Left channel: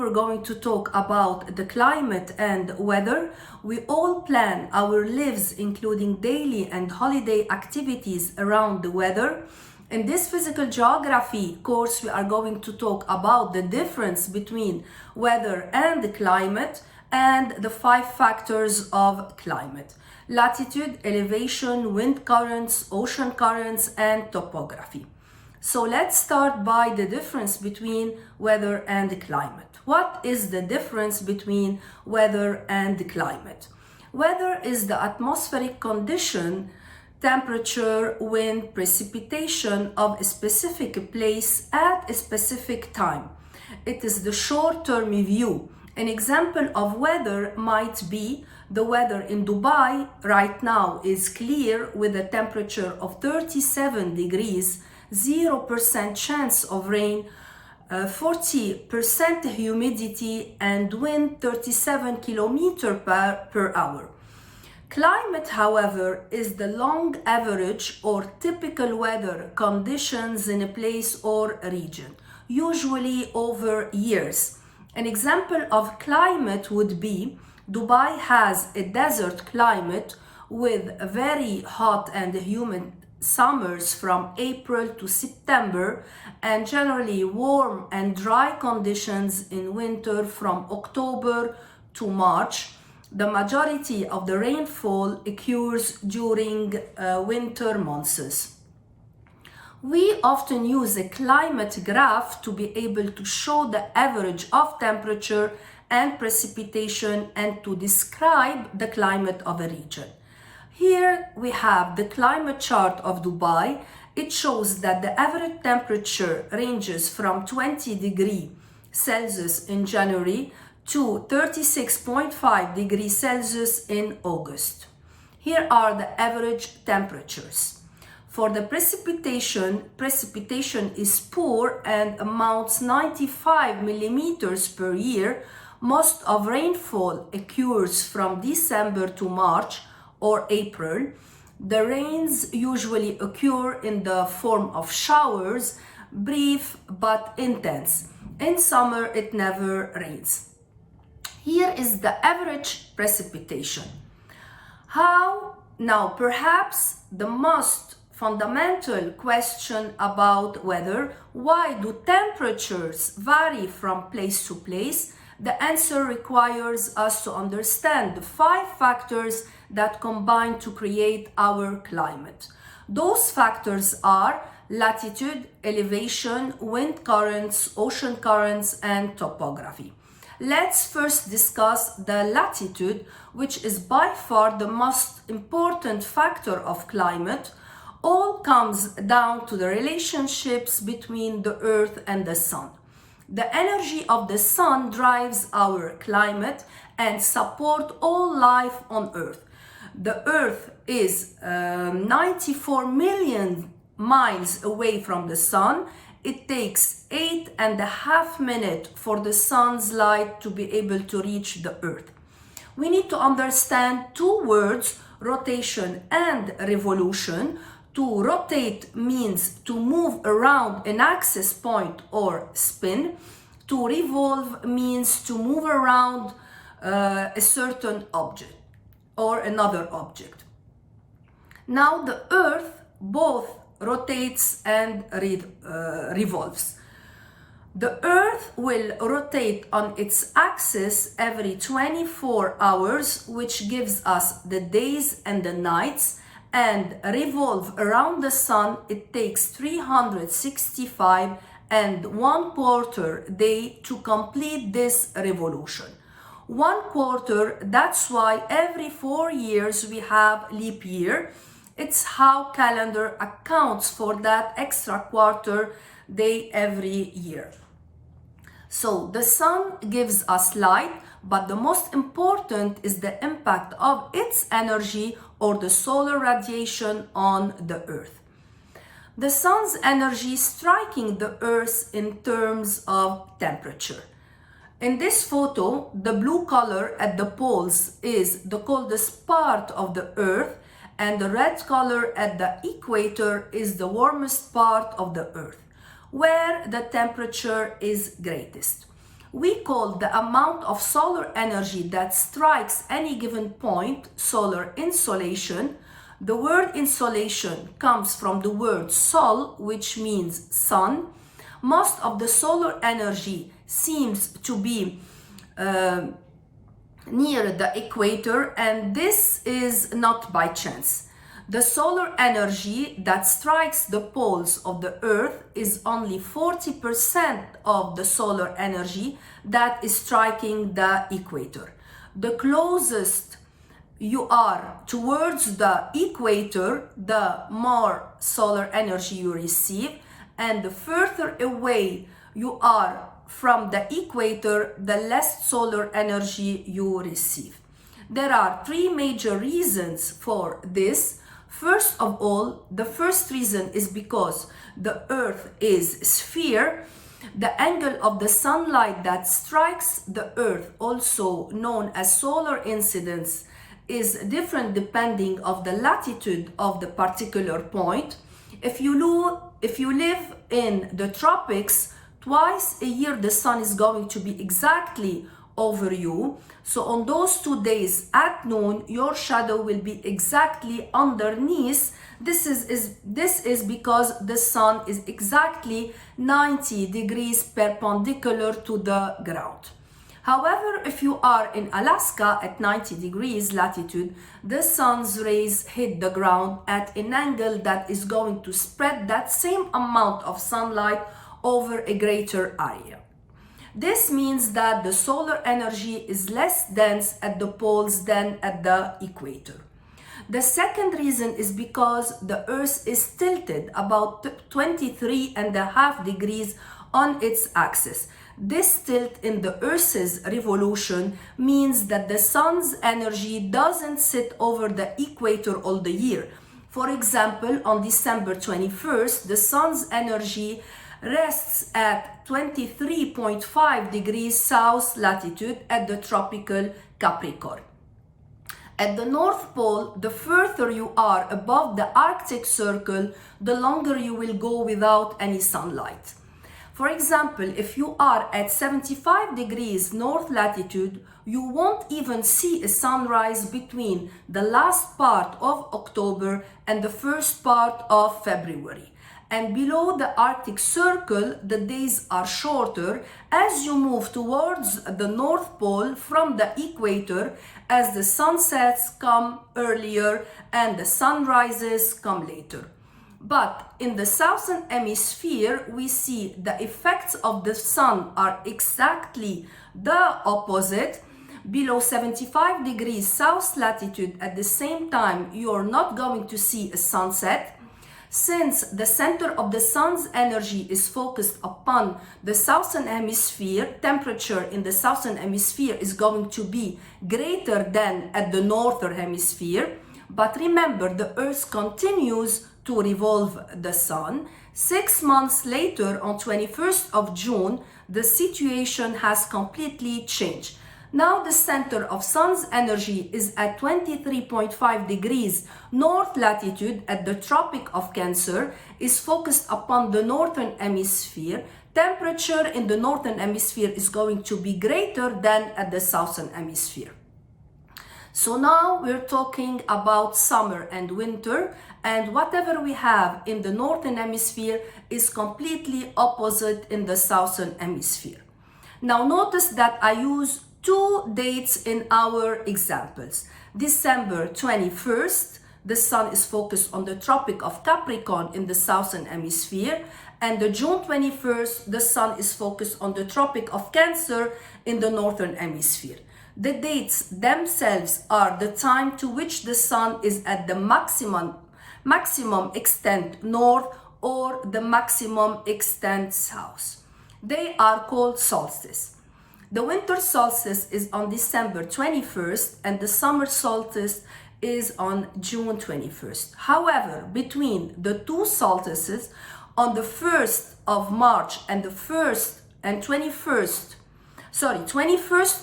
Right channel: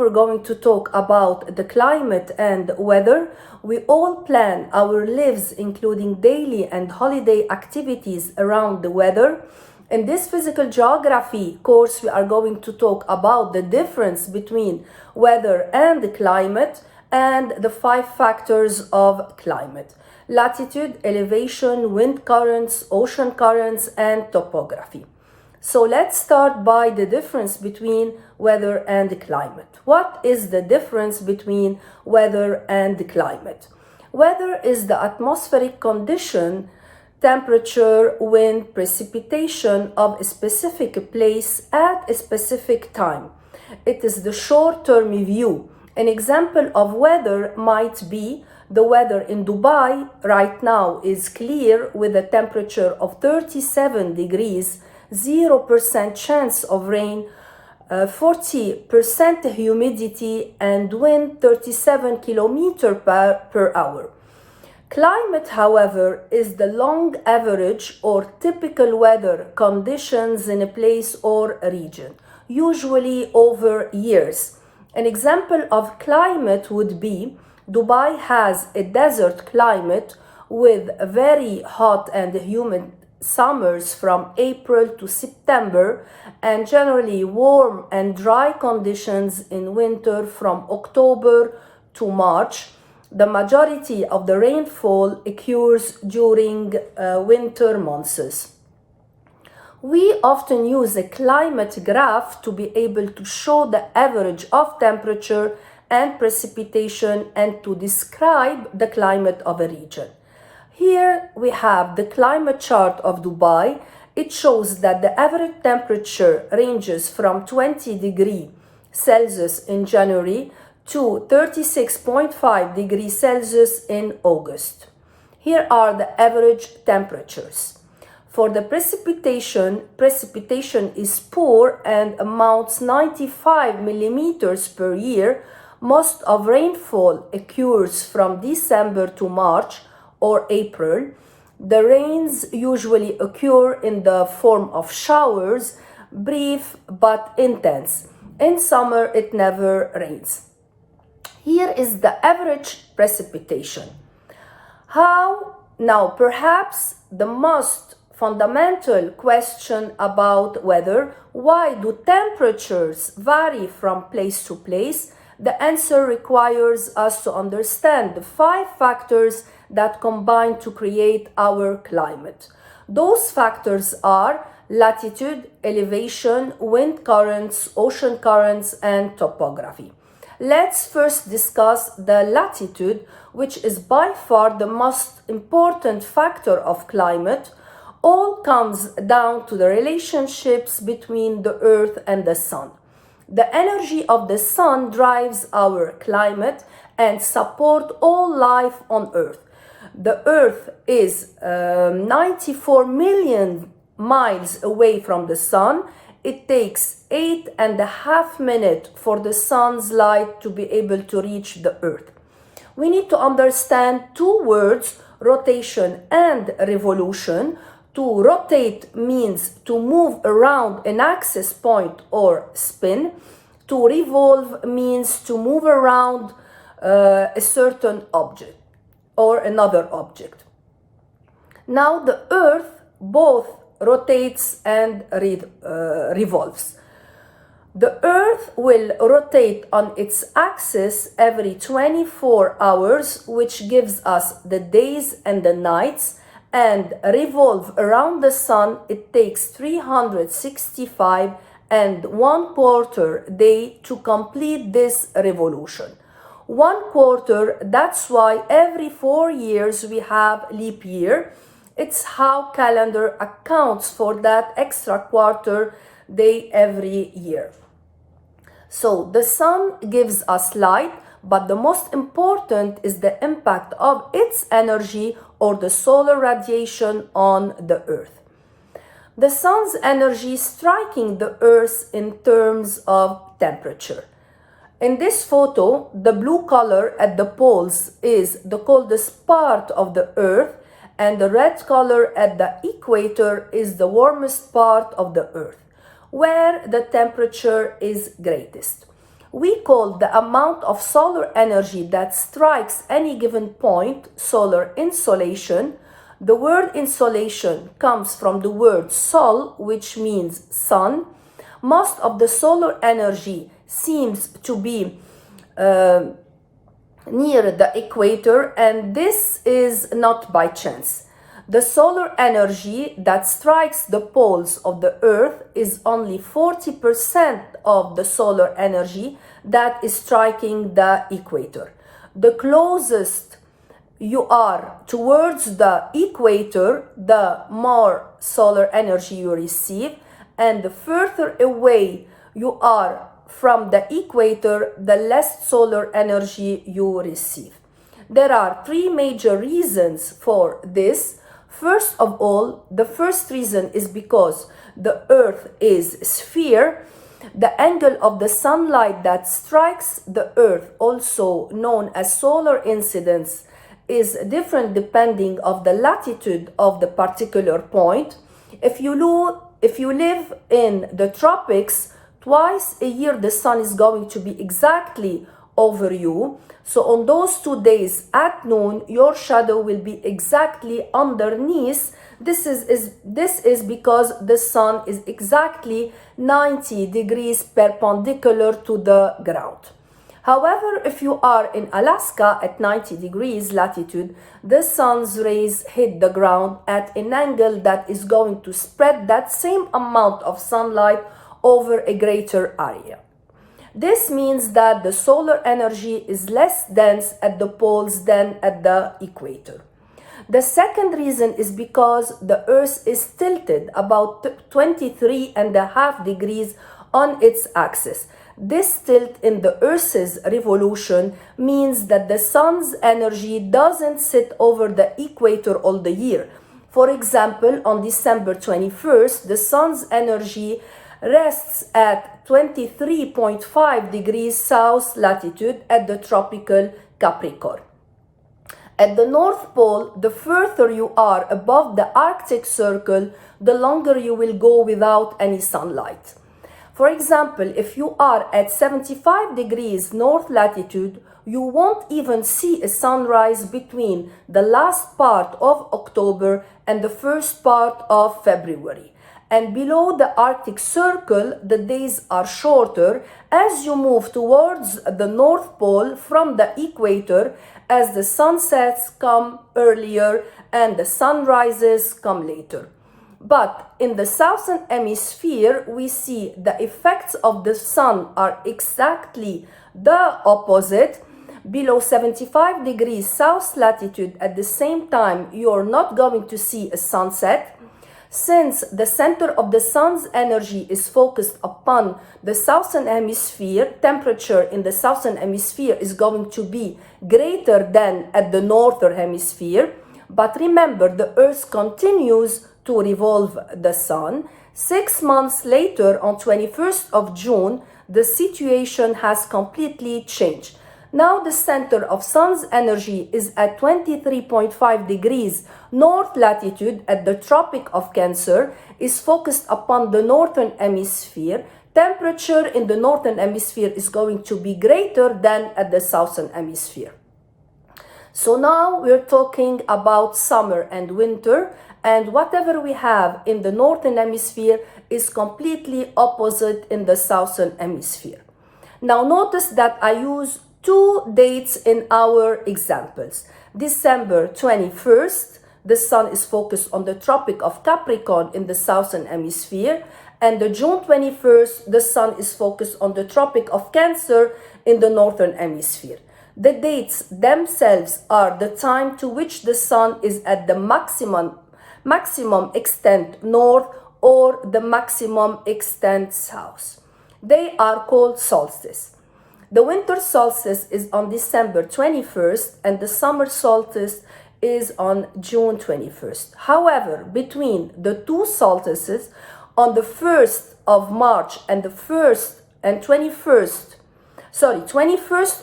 we're going to talk about the climate and weather. We all plan our lives, including daily and holiday activities around the weather. In this physical geography course, we are going to talk about the difference between weather and the climate and the 5 factors of climate: latitude, elevation, wind currents, ocean currents, and topography. So let's start by the difference between weather and the climate. What is the difference between weather and the climate? Weather is the atmospheric condition, temperature, wind, precipitation of a specific place at a specific time. It is the short-term view. An example of weather might be the weather in Dubai right now is clear with a temperature of 37 degrees, 0% chance of rain, 40% humidity, and wind 37 km per hour. Climate, however, is the long average or typical weather conditions in a place or a region, usually over years. An example of climate would be Dubai has a desert climate with very hot and humid summers from April to September, and generally warm and dry conditions in winter from October to March. The majority of the rainfall occurs during winter months. We often use a climate graph to be able to show the average of temperature and precipitation and to describe the climate of a region. Here we have the climate chart of Dubai. It shows that the average temperature ranges from 20 degrees Celsius in January to 36.5 degrees Celsius in August. Here are the average temperatures. For the precipitation is poor and amounts 95 millimeters per year. Most of rainfall occurs from December to March or April. The rains usually occur in the form of showers, brief but intense. In summer, it never rains. Here is the average precipitation. Now, perhaps the most fundamental question about weather: why do temperatures vary from place to place? The answer requires us to understand the 5 factors that combine to create our climate. Those factors are latitude, elevation, wind currents, ocean currents, and topography. Let's first discuss the latitude, which is by far the most important factor of climate. All comes down to the relationships between the Earth and the Sun. The energy of the Sun drives our climate and supports all life on Earth. The Earth is 94 million miles away from the Sun. It takes 8.5 minutes for the Sun's light to be able to reach the Earth. We need to understand 2 words, rotation and revolution. To rotate means to move around an axis point or spin. To revolve means to move around a certain object or another object. Now the Earth both rotates and revolves. The Earth will rotate on its axis every 24 hours, which gives us the days and the nights, and revolve around the Sun. It takes 365 and 1/4 day to complete this revolution. 1/4, that's why every 4 years we have leap year. It's how calendar accounts for that extra quarter day every year. So the Sun gives us light, but the most important is the impact of its energy or the solar radiation on the Earth. The Sun's energy striking the Earth in terms of temperature. In this photo, the blue color at the poles is the coldest part of the Earth, and the red color at the equator is the warmest part of the Earth, where the temperature is greatest. We call the amount of solar energy that strikes any given point solar insolation. The word insolation comes from the word sol, which means sun. Most of the solar energy seems to be near the equator, and this is not by chance. The solar energy that strikes the poles of the Earth is only 40% of the solar energy that is striking the equator. The closest you are towards the equator, the more solar energy you receive, and the further away you are from the equator, the less solar energy you receive. There are three major reasons for this. First of all, the first reason is because the Earth is a sphere. The angle of the sunlight that strikes the Earth, also known as solar incidence, is different depending on the latitude of the particular point. If you live in the tropics, twice a year the sun is going to be exactly over you. So on those 2 days at noon, your shadow will be exactly underneath. This is because the sun is exactly 90 degrees perpendicular to the ground. However, if you are in Alaska at 90 degrees latitude, the sun's rays hit the ground at an angle that is going to spread that same amount of sunlight over a greater area. This means that the solar energy is less dense at the poles than at the equator. The second reason is because the Earth is tilted about 23.5 degrees on its axis. This tilt in the Earth's revolution means that the sun's energy doesn't sit over the equator all the year. For example, on December 21st, the sun's energy rests at 23.5 degrees south latitude at the tropical Capricorn. At the North Pole, the further you are above the Arctic Circle, the longer you will go without any sunlight. For example, if you are at 75 degrees north latitude, you won't even see a sunrise between the last part of October and the first part of February. And below the Arctic Circle, the days are shorter as you move towards the North Pole from the equator, as the sunsets come earlier and the sunrises come later. But in the southern hemisphere, we see the effects of the sun are exactly the opposite. Below 75 degrees south latitude, at the same time, you're not going to see a sunset. Since the center of the sun's energy is focused upon the southern hemisphere, temperature in the southern hemisphere is going to be greater than at the northern hemisphere. But remember, the Earth continues to revolve the sun. 6 months later, on 21st of June, the situation has completely changed. Now the center of sun's energy is at 23.5 degrees north latitude at the Tropic of Cancer, is focused upon the northern hemisphere. Temperature in the northern hemisphere is going to be greater than at the southern hemisphere. So now we're talking about summer and winter, and whatever we have in the northern hemisphere is completely opposite in the southern hemisphere. Now notice that I use two dates in our examples. December 21st, the sun is focused on the Tropic of Capricorn in the southern hemisphere, and the June 21st, the sun is focused on the Tropic of Cancer in the northern hemisphere. The dates themselves are the time to which the sun is at the maximum extent north or the maximum extent south. They are called solstice. The winter solstice is on December 21st and the summer solstice is on June 21st. However, between the two solstices, on the 1st of March and 21st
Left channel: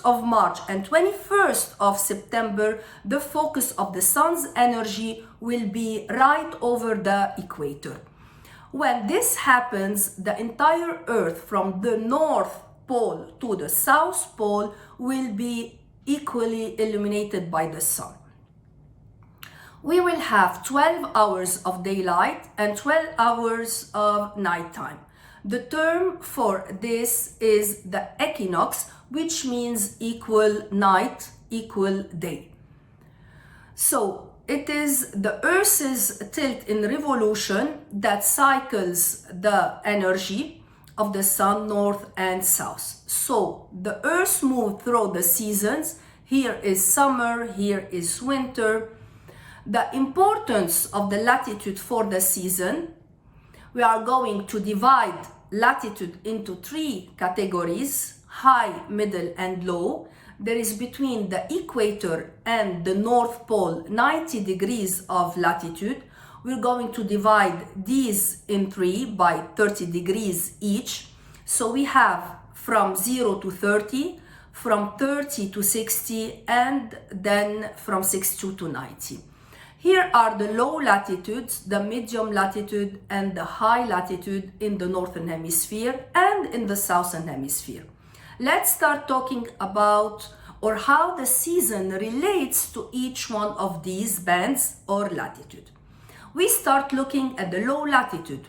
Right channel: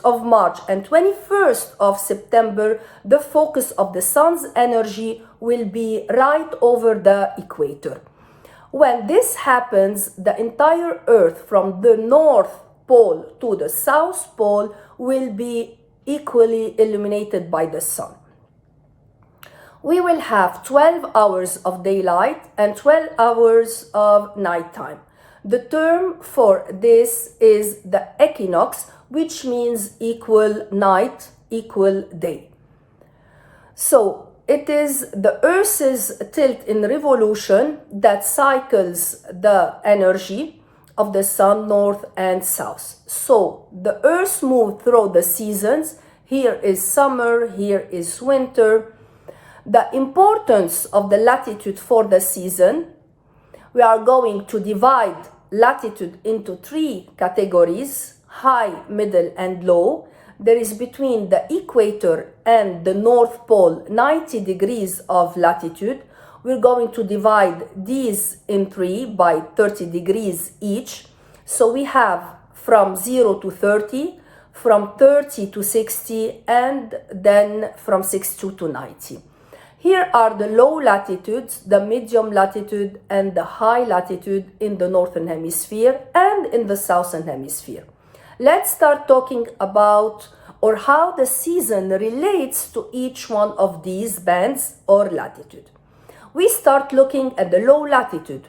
of March and 21st of September, the focus of the sun's energy will be right over the equator. When this happens, the entire Earth from the north pole to the south pole will be equally illuminated by the sun. We will have 12 hours of daylight and 12 hours of nighttime. The term for this is the equinox, which means equal night, equal day. So it is the Earth's tilt in revolution that cycles the energy of the sun north and south. So the Earth moves through the seasons. Here is summer, here is winter. The importance of the latitude for the season, we are going to divide latitude into 3 categories: high, middle, and low. There is between the equator and the North Pole 90 degrees of latitude. We're going to divide these in 3 by 30 degrees each. So we have from 0 to 30, from 30 to 60, and then from 62 to 90. Here are the low latitudes, the medium latitude, and the high latitude in the northern hemisphere and in the southern hemisphere. Let's start talking about or how the season relates to each one of these bands or latitude. We start looking at the low latitude.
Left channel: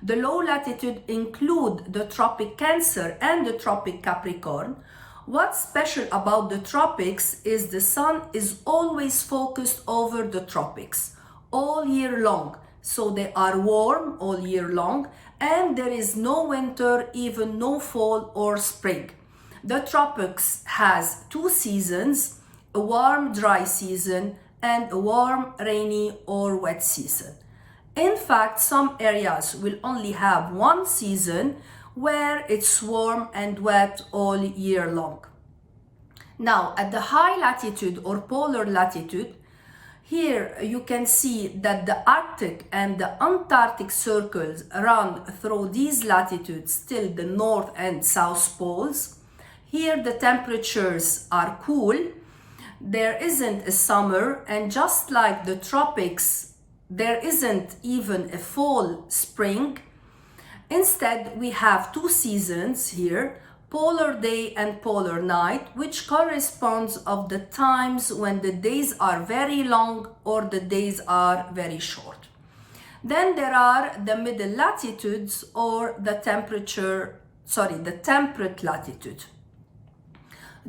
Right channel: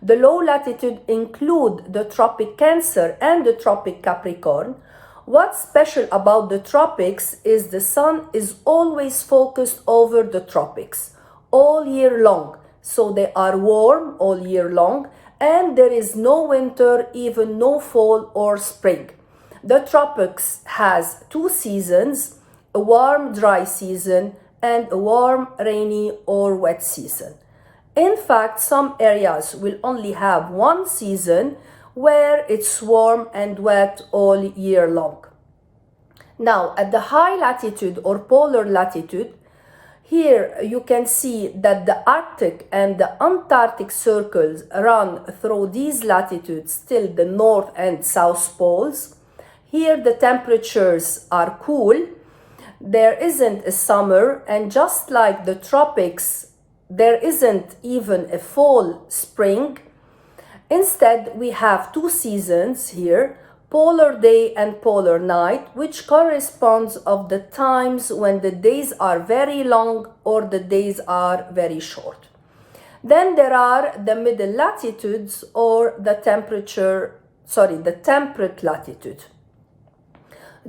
The low latitude include the tropic Cancer and the tropic Capricorn. What's special about the tropics is the sun is always focused over the tropics all year long. So they are warm all year long, and there is no winter, even no fall or spring. The tropics has 2 seasons, a warm dry season and a warm rainy or wet season. In fact, some areas will only have 1 season where it's warm and wet all year long. Now, at the high latitude or polar latitude, here you can see that the Arctic and the Antarctic circles run through these latitudes till the north and south poles. Here the temperatures are cool, there isn't a summer, and just like the tropics, there isn't even a fall, spring. Instead, we have 2 seasons here, polar day and polar night, which corresponds of the times when the days are very long or the days are very short. Then there are the middle latitudes or the temperate latitude.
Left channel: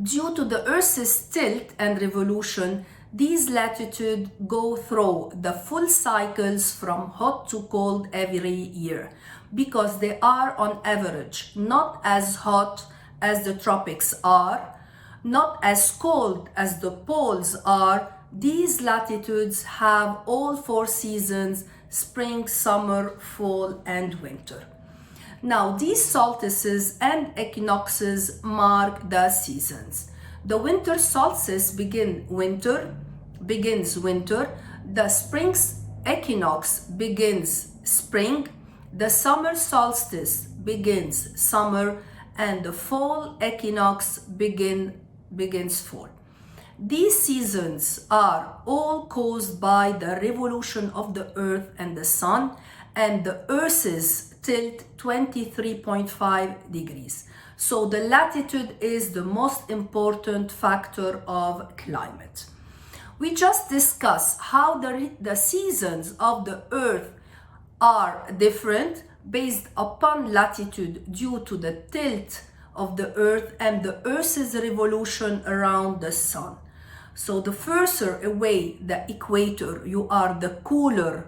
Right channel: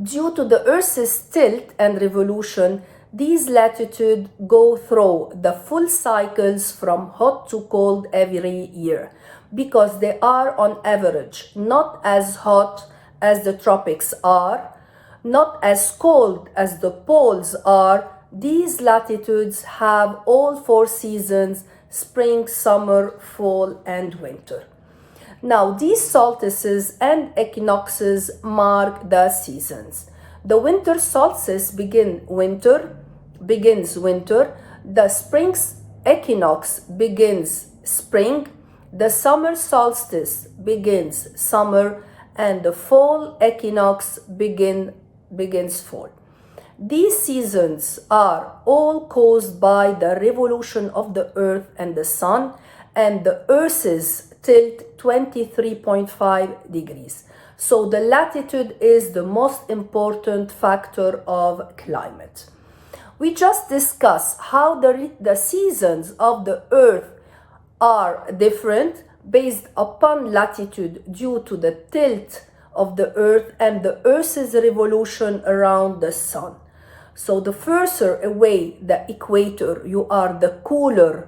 Due to the Earth's tilt and revolution, these latitudes go through the full cycles from hot to cold every year, because they are on average not as hot as the tropics are, not as cold as the poles are. These latitudes have all 4 seasons: spring, summer, fall, and winter. Now, these solstices and equinoxes mark the seasons. The winter solstice begins winter. The spring equinox begins spring. The summer solstice begins summer, and the fall equinox begins fall. These seasons are all caused by the revolution of the earth and the sun, and the earth's tilt 23.5 degrees. So the latitude is the most important factor of climate. We just discussed how the seasons of the earth are different based upon latitude due to the tilt of the earth and the earth's revolution around the sun. So the further away the equator you are, the cooler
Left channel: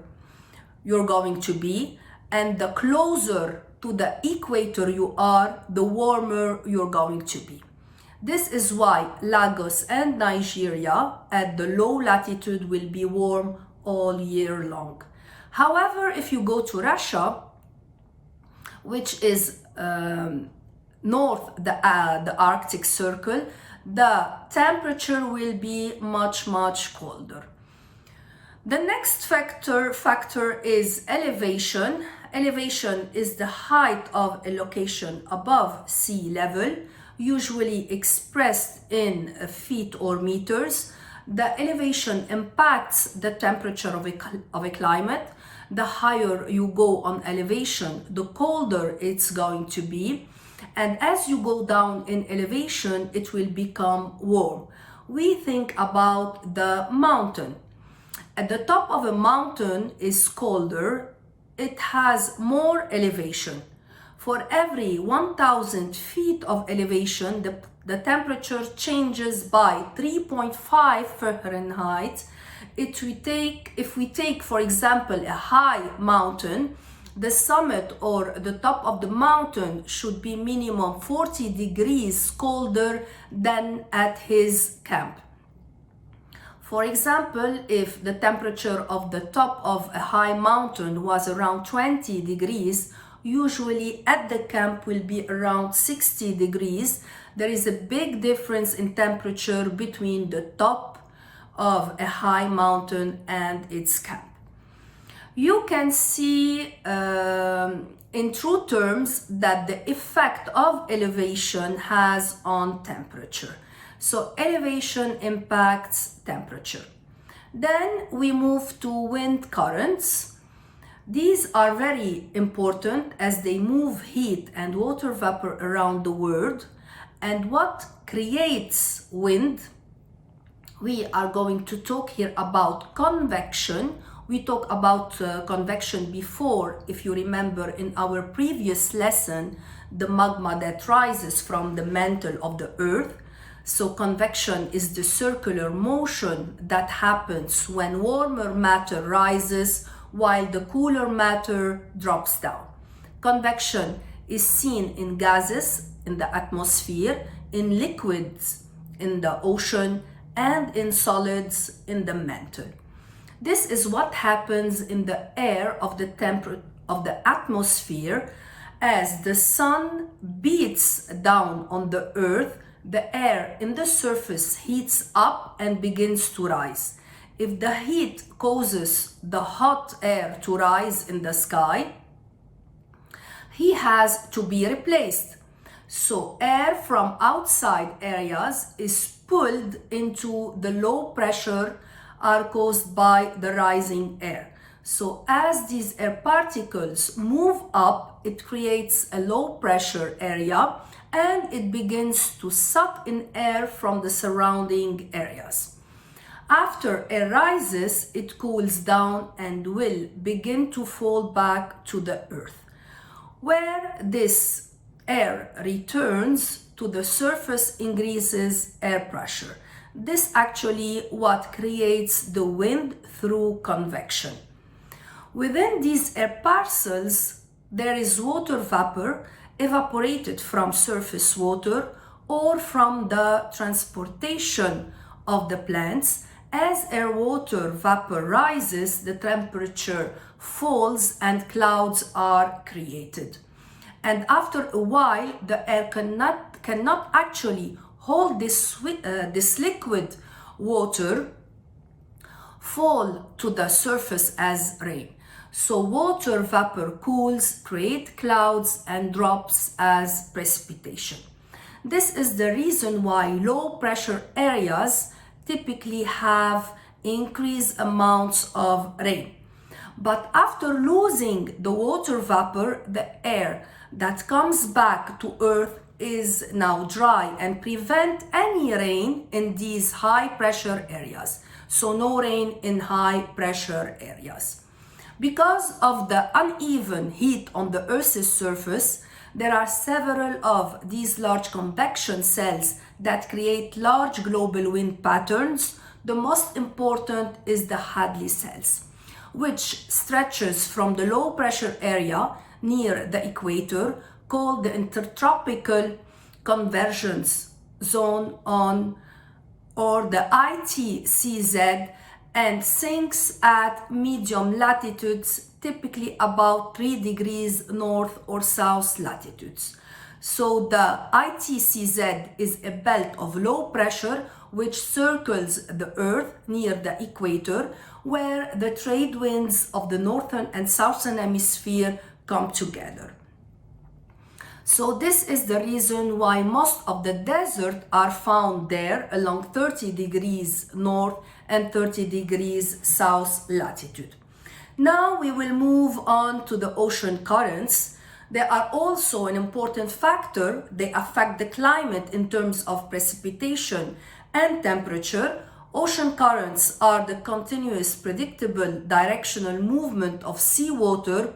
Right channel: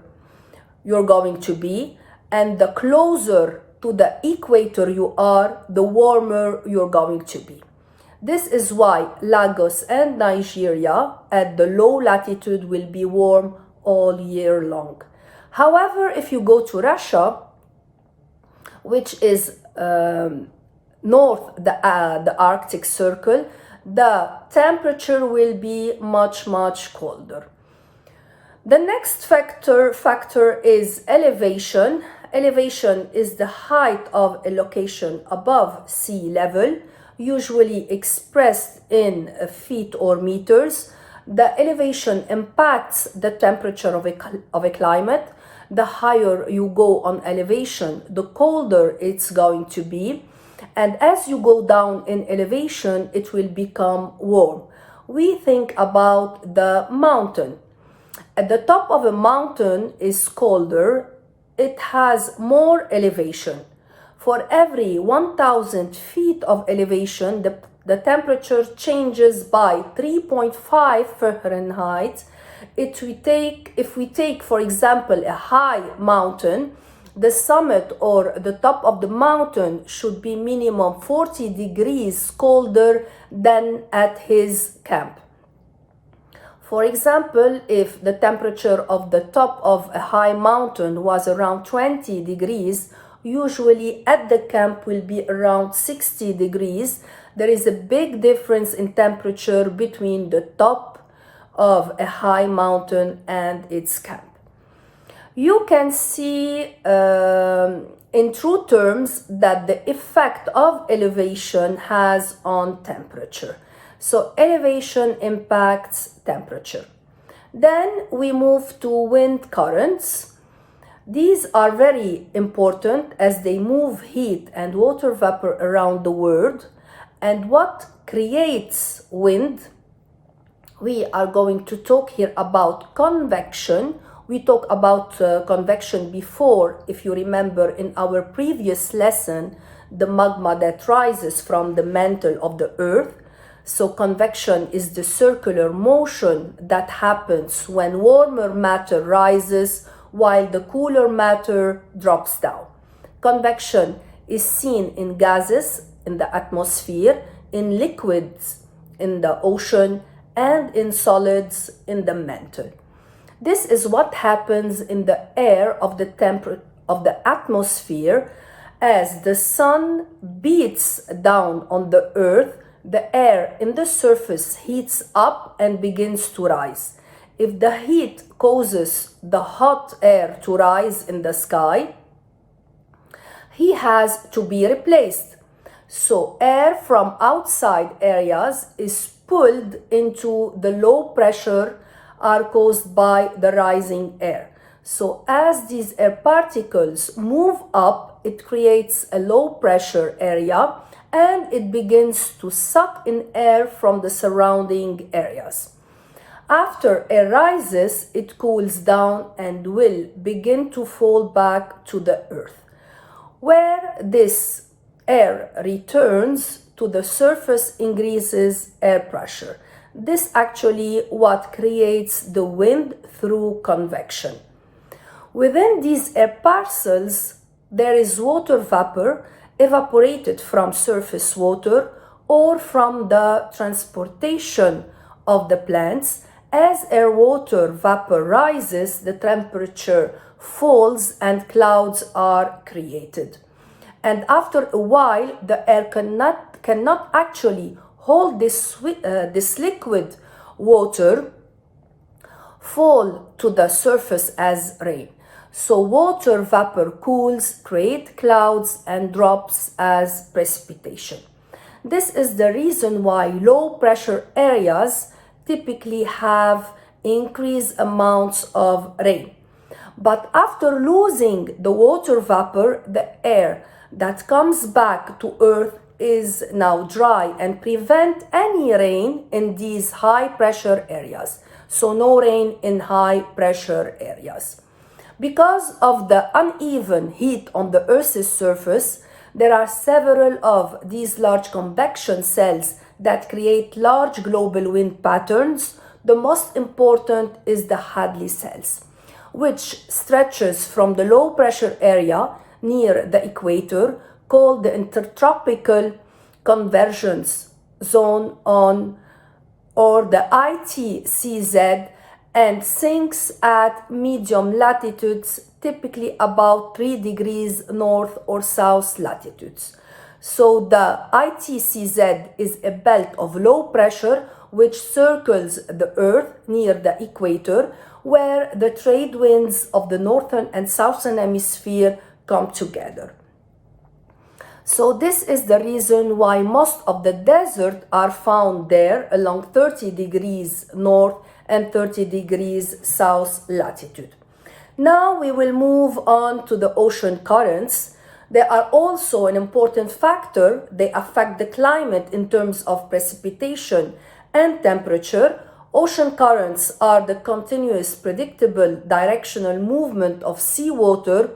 you're going to be, and the closer to the equator you are, the warmer you're going to be. This is why Lagos and Nigeria at the low latitude will be warm all year long. However, if you go to Russia, which is north the Arctic Circle, the temperature will be much colder. The next factor is elevation. Elevation is the height of a location above sea level, usually expressed in feet or meters. The elevation impacts the temperature of a climate. The higher you go on elevation, the colder it's going to be. And as you go down in elevation, it will become warm. We think about the mountain. At the top of a mountain is colder. It has more elevation. For every 1,000 feet of elevation, the temperature changes by 3.5 Fahrenheit. If we take, for example, a high mountain, the summit or the top of the mountain should be minimum 40 degrees colder than at his camp. For example, if the temperature of the top of a high mountain was around 20 degrees, usually at the camp will be around 60 degrees. There is a big difference in temperature between the top of a high mountain and its camp. You can see in true terms that the effect of elevation has on temperature. So elevation impacts temperature. Then we move to wind currents. These are very important as they move heat and water vapor around the world. And what creates wind? We are going to talk here about convection. We talked about convection before, if you remember in our previous lesson, the magma that rises from the mantle of the earth. So convection is the circular motion that happens when warmer matter rises while the cooler matter drops down. Convection is seen in gases in the atmosphere, in liquids in the ocean, and in solids in the mantle. This is what happens in the air of the atmosphere. As the sun beats down on the earth, the air in the surface heats up and begins to rise. If the heat causes the hot air to rise in the sky, he has to be replaced. So air from outside areas is pulled into the low pressure are caused by the rising air. So as these air particles move up, it creates a low pressure area and it begins to suck in air from the surrounding areas. After air rises, it cools down and will begin to fall back to the earth, where this air returns to the surface, increases air pressure. This actually what creates the wind through convection. Within these air parcels, there is water vapor evaporated from surface water or from the transportation of the plants. As air water vapor rises, the temperature falls and clouds are created. And after a while, the air cannot actually hold this liquid water fall to the surface as rain. So water vapor cools, create clouds and drops as precipitation. This is the reason why low pressure areas typically have increased amounts of rain. But after losing the water vapor, the air that comes back to earth is now dry and prevent any rain in these high pressure areas. So no rain in high pressure areas. Because of the uneven heat on the Earth's surface, there are several of these large convection cells that create large global wind patterns. The most important is the Hadley cells, which stretches from the low pressure area near the equator, called the intertropical convergence zone or the ITCZ, and sinks at medium latitudes, typically about 3 degrees north or south latitudes. So the ITCZ is a belt of low pressure which circles the Earth near the equator, where the trade winds of the northern and southern hemisphere come together. So this is the reason why most of the desert are found there along 30 degrees north and 30 degrees south latitude. Now we will move on to the ocean currents. They are also an important factor. They affect the climate in terms of precipitation and temperature. Ocean currents are the continuous, predictable, directional movement of seawater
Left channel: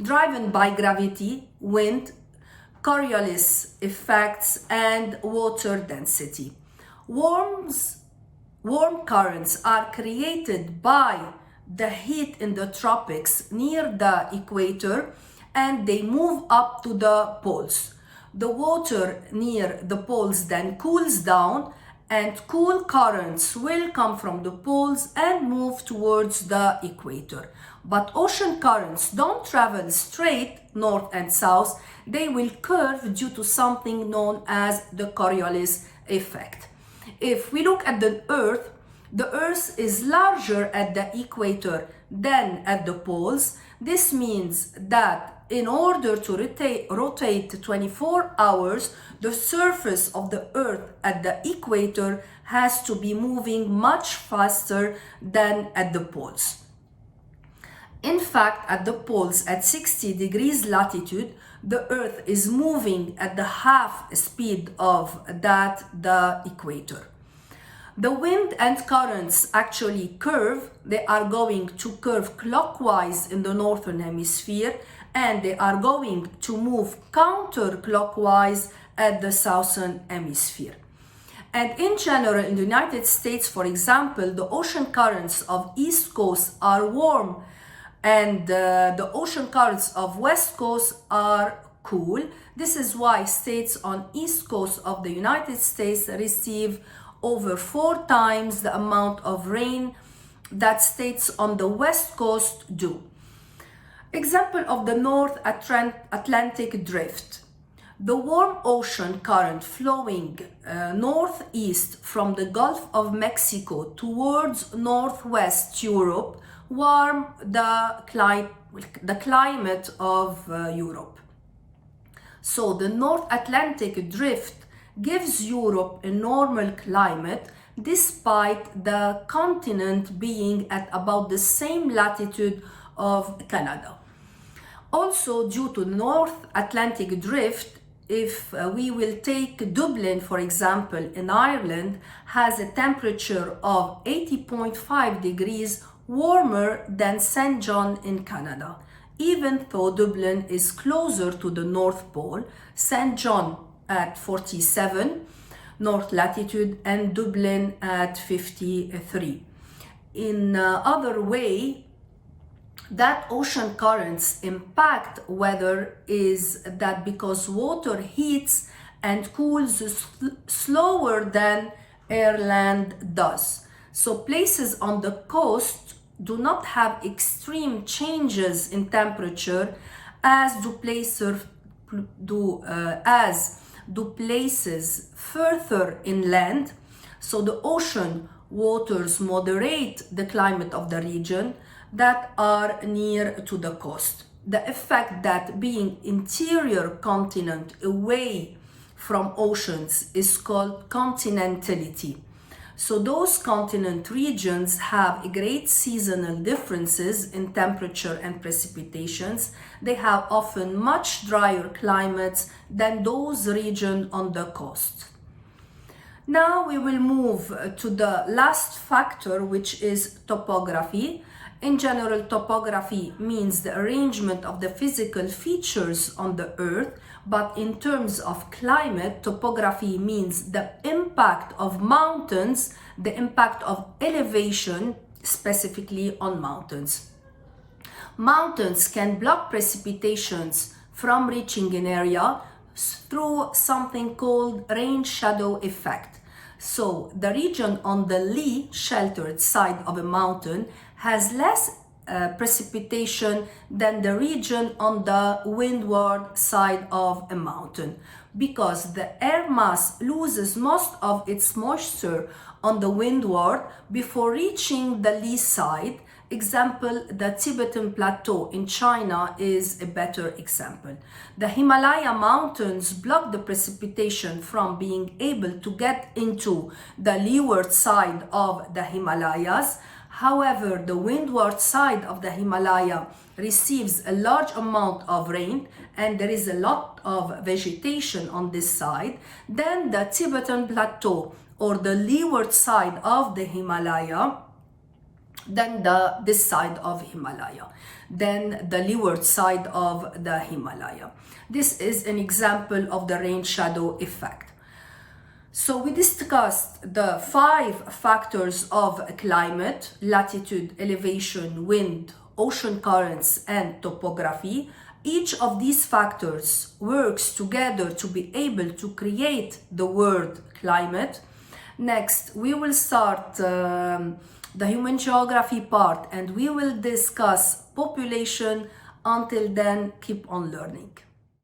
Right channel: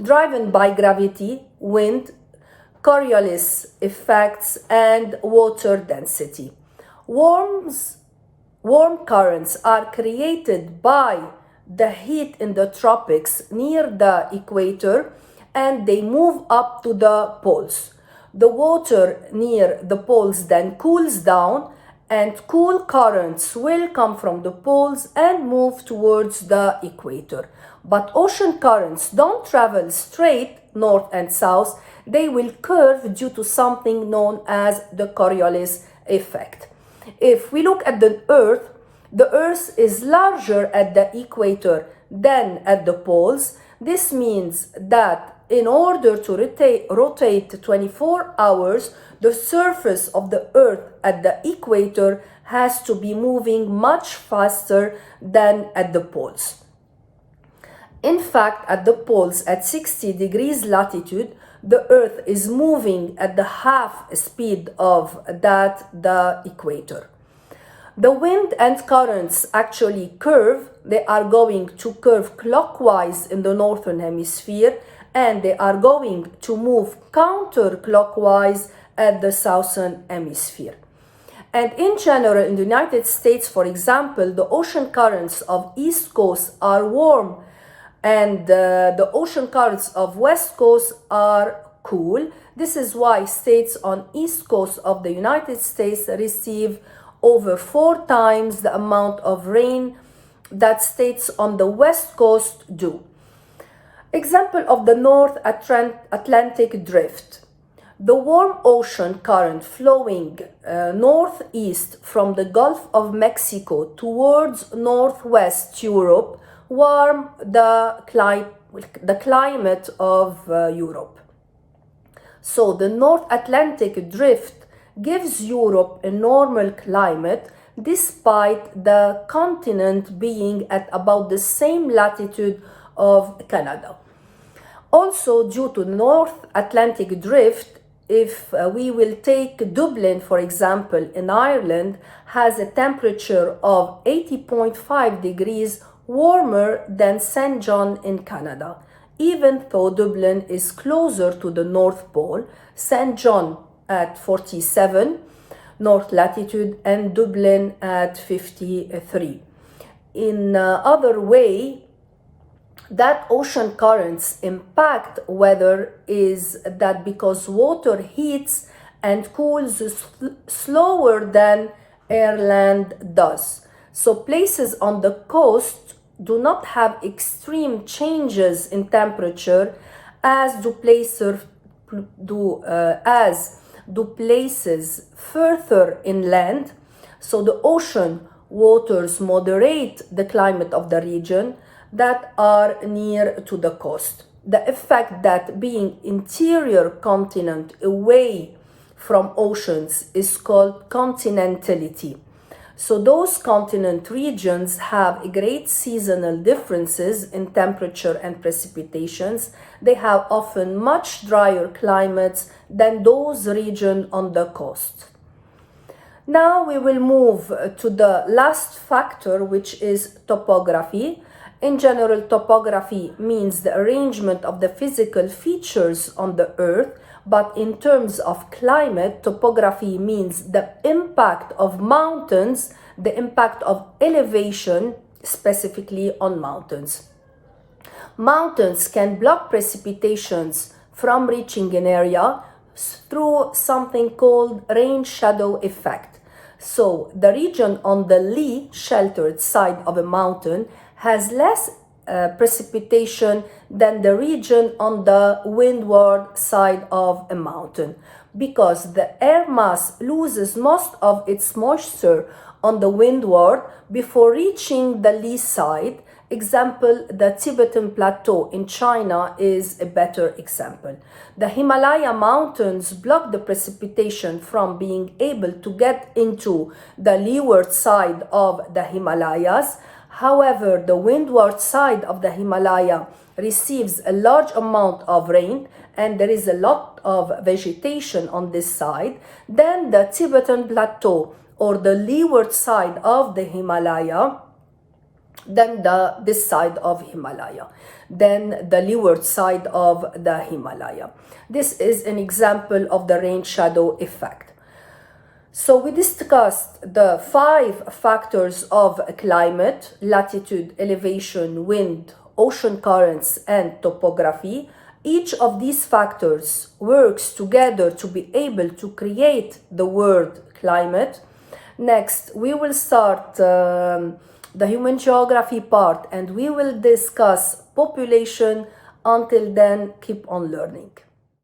driven by gravity, wind, Coriolis effects, and water density. Warm currents are created by the heat in the tropics near the equator, and they move up to the poles. The water near the poles then cools down, and cool currents will come from the poles and move towards the equator. But ocean currents don't travel straight north and south. They will curve due to something known as the Coriolis effect. If we look at the Earth is larger at the equator than at the poles. This means that in order to rotate 24 hours, the surface of the Earth at the equator has to be moving much faster than at the poles. In fact, at the poles at 60 degrees latitude, the Earth is moving at the half speed of the equator. The wind and currents actually curve. They are going to curve clockwise in the northern hemisphere, and they are going to move counterclockwise at the southern hemisphere. And in general, in the United States, for example, the ocean currents of East Coast are warm, and the ocean currents of West Coast are cool. This is why states on East Coast of the United States receive over 4 times the amount of rain that states on the West Coast do. Example of the North Atlantic drift. The warm ocean current flowing northeast from the Gulf of Mexico towards northwest Europe warm the climate of Europe. So the North Atlantic drift gives Europe a normal climate despite the continent being at about the same latitude of Canada. Also, due to North Atlantic drift, if we will take Dublin, for example, in Ireland, has a temperature of 80.5 degrees warmer than St. John in Canada. Even though Dublin is closer to the North Pole, St. John at 47 north latitude and Dublin at 53. In other way, that ocean currents impact weather is that because water heats and cools slower than airland does. So places on the coast do not have extreme changes in temperature as do places further inland. So the ocean waters moderate the climate of the region that are near to the coast. The effect that being interior continent away from oceans is called continentality. So those continent regions have great seasonal differences in temperature and precipitations. They have often much drier climates than those regions on the coast. Now we will move to the last factor, which is topography. In general, topography means the arrangement of the physical features on the earth, but in terms of climate, topography means the impact of mountains, the impact of elevation, specifically on mountains. Mountains can block precipitations from reaching an area through something called rain shadow effect. So the region on the lee, sheltered side of a mountain has less precipitation than the region on the windward side of a mountain, because the air mass loses most of its moisture on the windward before reaching the lee side. Example, the Tibetan Plateau in China is a better example. The Himalaya mountains block the precipitation from being able to get into the leeward side of the Himalayas. However, the windward side of the Himalaya receives a large amount of rain and there is a lot of vegetation on this side. Then the Tibetan Plateau, or the leeward side of the Himalaya, then this side of Himalaya, then the leeward side of the Himalaya. This is an example of the rain shadow effect. So we discussed the 5 factors of climate: latitude, elevation, wind, ocean currents, and topography. Each of these factors works together to be able to create the word climate. Next, we will start the human geography part and we will discuss population. Until then, keep on learning.